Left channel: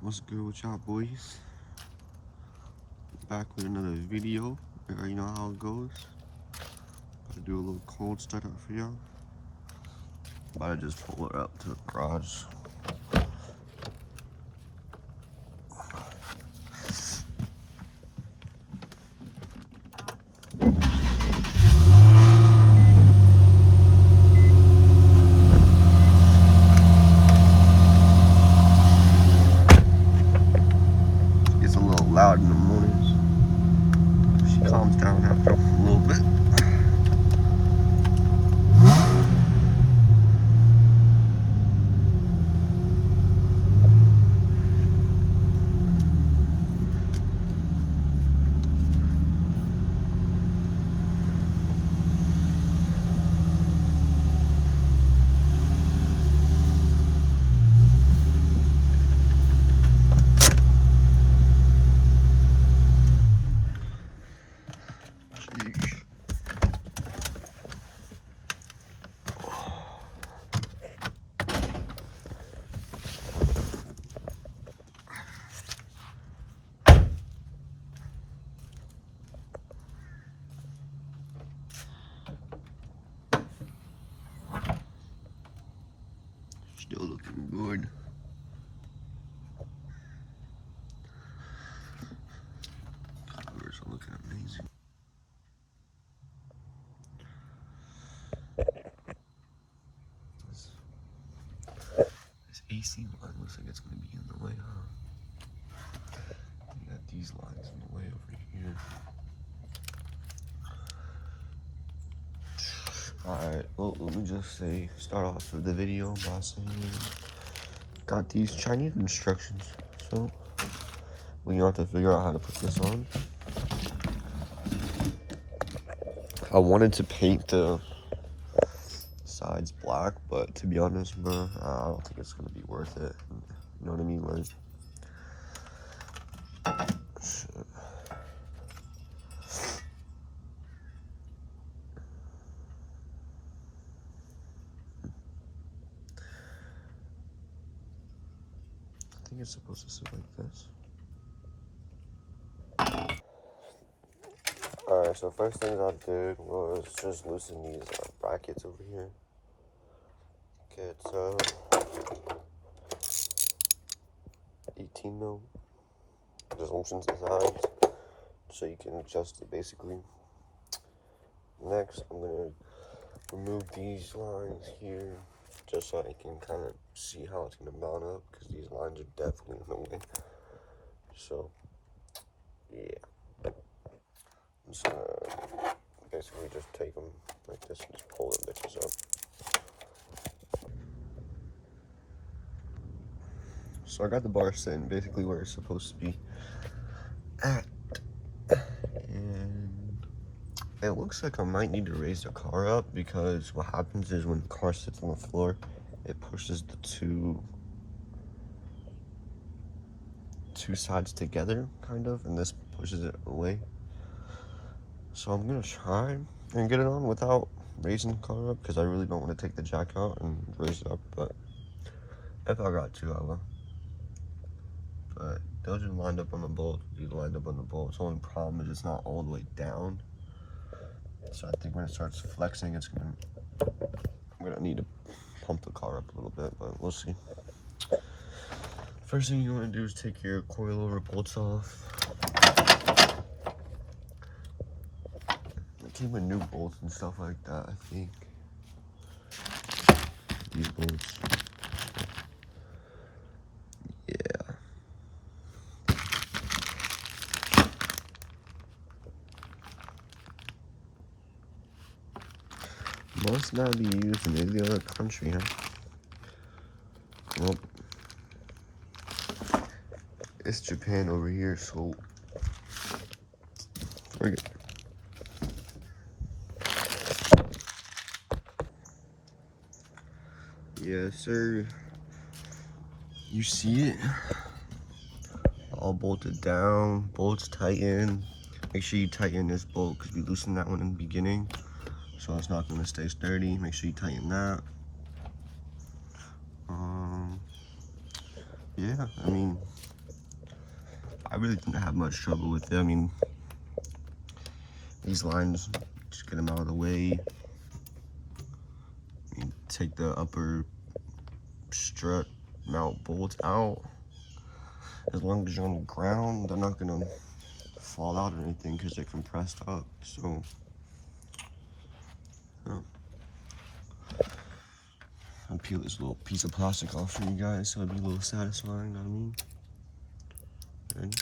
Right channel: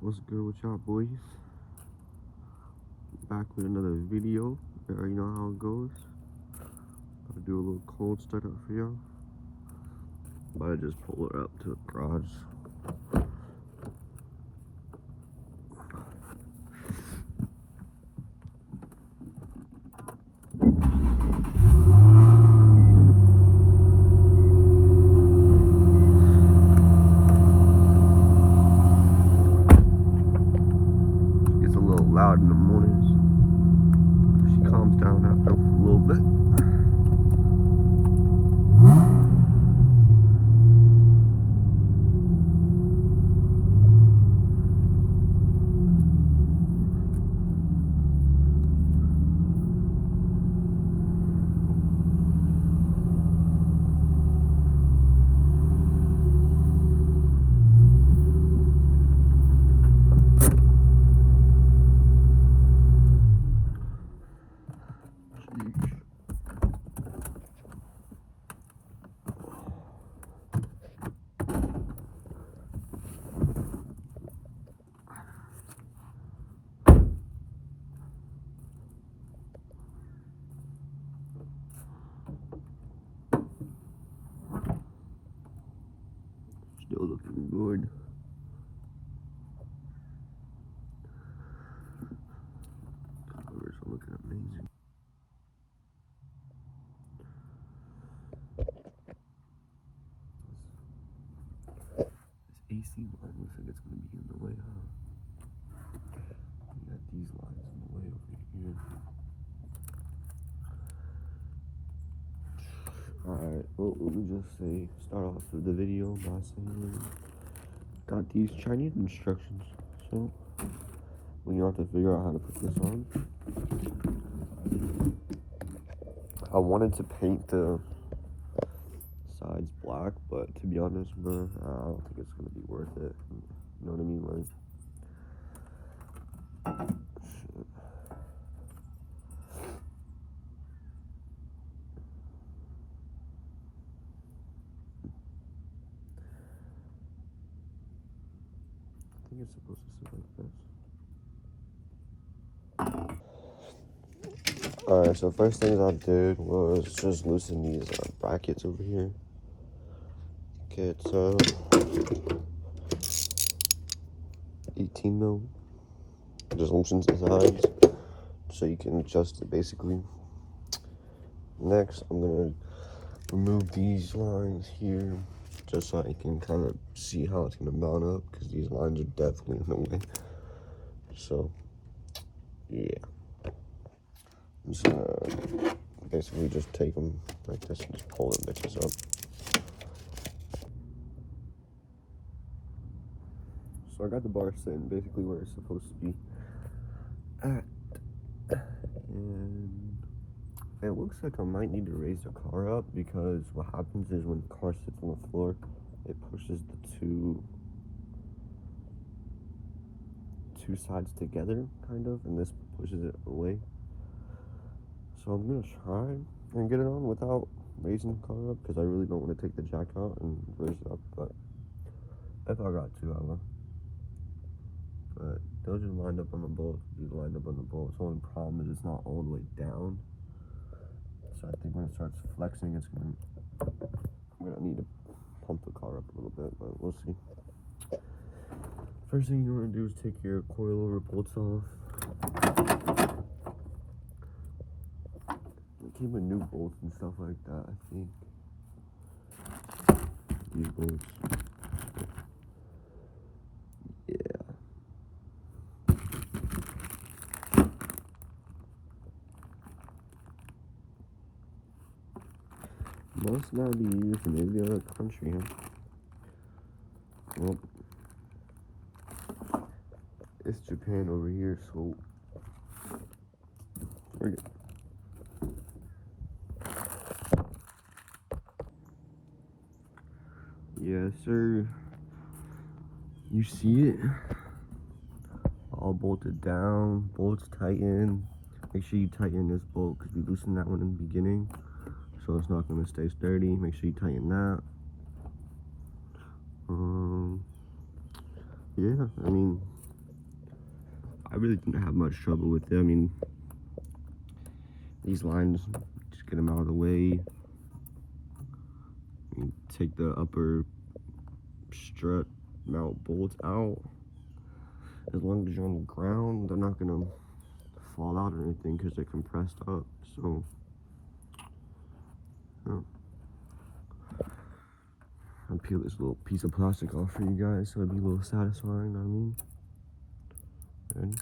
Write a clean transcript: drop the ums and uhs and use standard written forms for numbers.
What's good with y'all boys? Back with another video. You already know how it goes. Gotta do a little cold startup for y'all. About to just pull it up to the garage. It's a little loud in the mornings. She calms down after a little bit. Still looking good. Colors are looking amazing. This AC line looks like it's going to be in the way, huh? We got these lines in the way over here. Alright, well, let me just start off with the video by saying, got these Chinese instructions, so we have to figure out how to put this on. I wanted to paint the sides black, but to be honest, bro, I don't think it's gonna be worth it. You know what I mean? Like, I think it's supposed to sit like this. Alright, so first thing I did was just loosen these brackets over here. Okay, it's 18 mil. Just loosens the sides so you can adjust it basically. Next, I'm gonna remove these lines here just so I can kind of see how it's gonna mount up, because these lines are definitely in the way. So yeah, I'm just gonna basically just take them like this and just pull the bitches up. So I got the bar sitting basically where it's supposed to be at, and it looks like I might need to raise the car up, because what happens is when the car sits on the floor, it pushes the two sides together, kind of, and this pushes it away. So I'm gonna try and get it on without raising the car up, because I really don't want to take the jack out and raise it up, but if I got to, I will. But those are lined up on the bolts, these lined up on the bolts. The only problem is it's not all the way down. So I think when it starts flexing, I'm gonna need to pump the car up a little bit, but we'll see. First thing you want to do is take your coilover bolts off. It came with new bolts and stuff like that, I think. These bolts. Yeah. Must not be used in any other country, huh? Well, it's Japan over here, so forget it. Yes, sir. You see it? All bolted down, bolts tighten. Make sure you tighten this bolt, because we loosened that one in the beginning, so it's not going to stay sturdy. Make sure you tighten that. Yeah, I mean, I really didn't have much trouble with it. I mean, these lines, just get them out of the way. You take the upper strut mount bolts out. As long as you're on the ground, they're not gonna fall out or anything because they're compressed up. So, yeah. I'll peel this little piece of plastic off for you guys so it'd be a little satisfying, you know what I mean? Ready?